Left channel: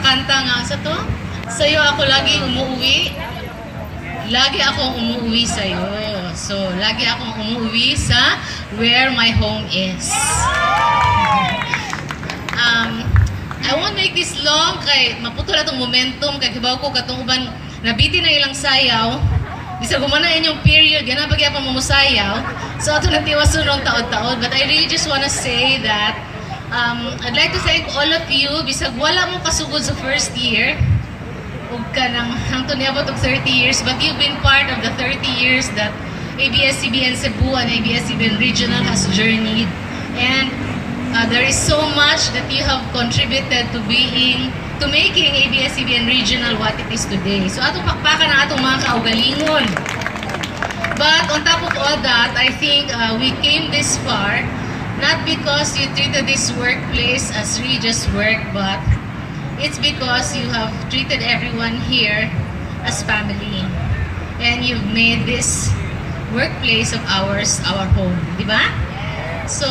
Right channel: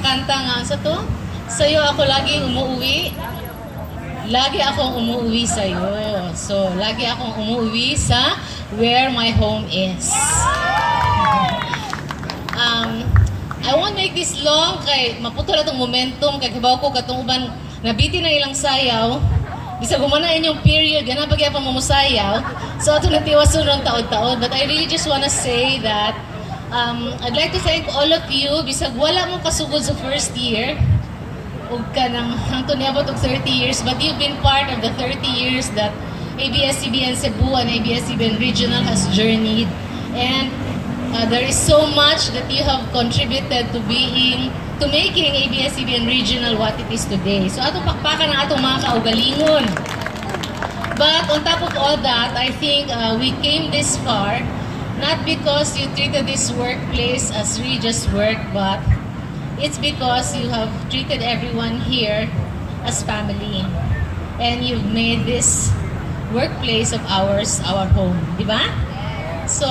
kanta nga sa to. Sa'yo ako lagi umuwi. Lagi akong umuwi sa'yo. So, lagi akong umuwi sa where my home is. I won't make this long kay maputol atong momentum kay kibaw ko katong uban nabiti na ilang sayaw. Bisa gumanain yung period, yan ang pag-iapang mamusayaw. So, ito natiwason ng taon-taon. But I really just wanna say that I'd like to thank all of you. Bisag wala mong kasugod sa first year, ug ka nang hangtod niabot og 30 years, but you've been part of the 30 years that ABS-CBN Cebu and ABS-CBN Regional has journeyed. And there is so much that you have contributed to making ABS-CBN Regional what it is today. So atong pakpakan ang atong mga kaugalingon. But on top of all that, I think we came this far not because you treated this workplace as religious work, but it's because you have treated everyone here as family. And you've made this workplace of ours our home. Di ba? So,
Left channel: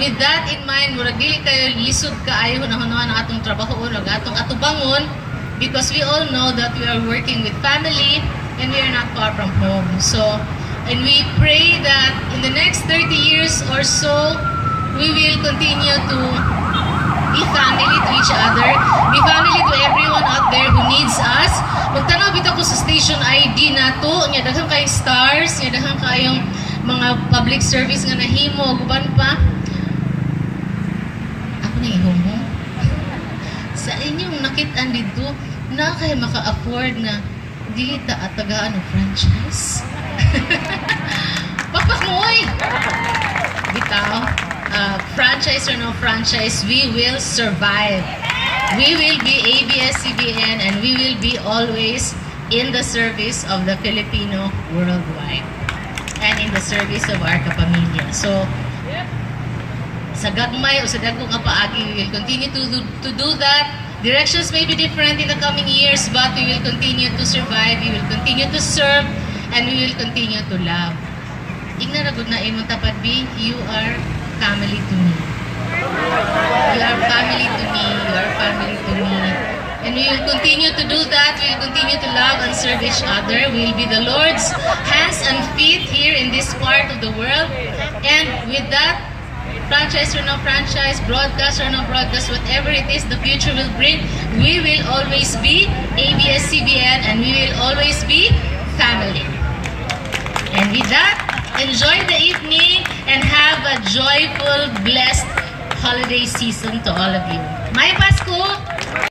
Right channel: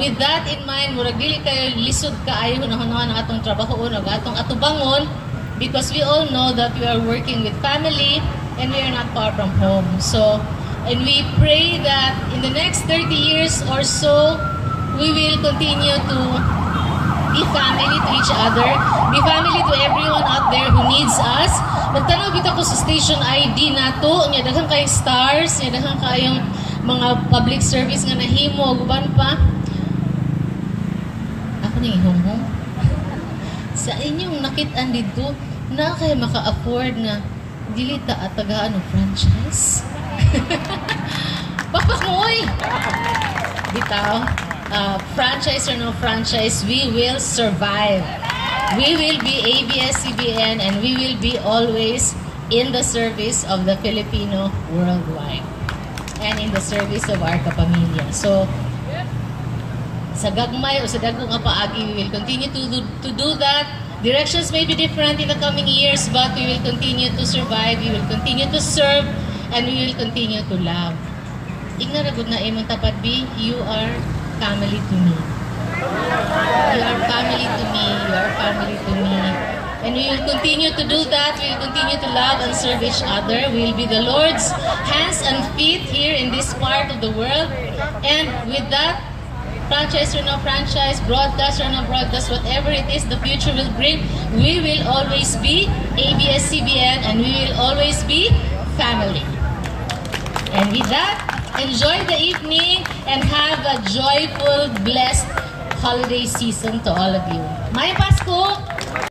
with that in mind, murag dili kayo lisod kaayo hunahunahon ang atong trabaho o atong atubangon because we all know that we are working with family and we are not far from home. So, and we pray that in the next 30 years or so, we will continue to be family to each other, be family to everyone out there who needs us. Magtanaw bitaw ko sa station ID nato, nya daghang kayong stars, nya daghang kayong mga public service nga nahimo, uban pa. Ako nang ihumhum. Sa inyong nakit-an dito, na kayo maka-afford na dili ta at tagaan ng franchise? Bakbak mo, oy! Bitaw, franchise or no franchise, we will survive. We will be ABS-CBN and we will be always in the service of the Filipino worldwide and in the service of our kapamilya. So, sa gagmay o sa dagong nga paagi, we will continue to do that. Directions may be different in the coming years, but we will continue to survive, we will continue to serve, and we will continue to love. Igna na gud na imong tapat B, you are family to me. You are family to me, you are family to me. And we will continue to do that, we will continue to love and serve each other. We will be the Lord's hands and feet here in this part of the world. And with that, franchise or no franchise, broadcast or no broadcast, whatever it is the future will bring, we will always be ABS-CBN and we will always be family. And with that, enjoy the evening and have a joyful, blessed holiday season to all of you. May Pasko!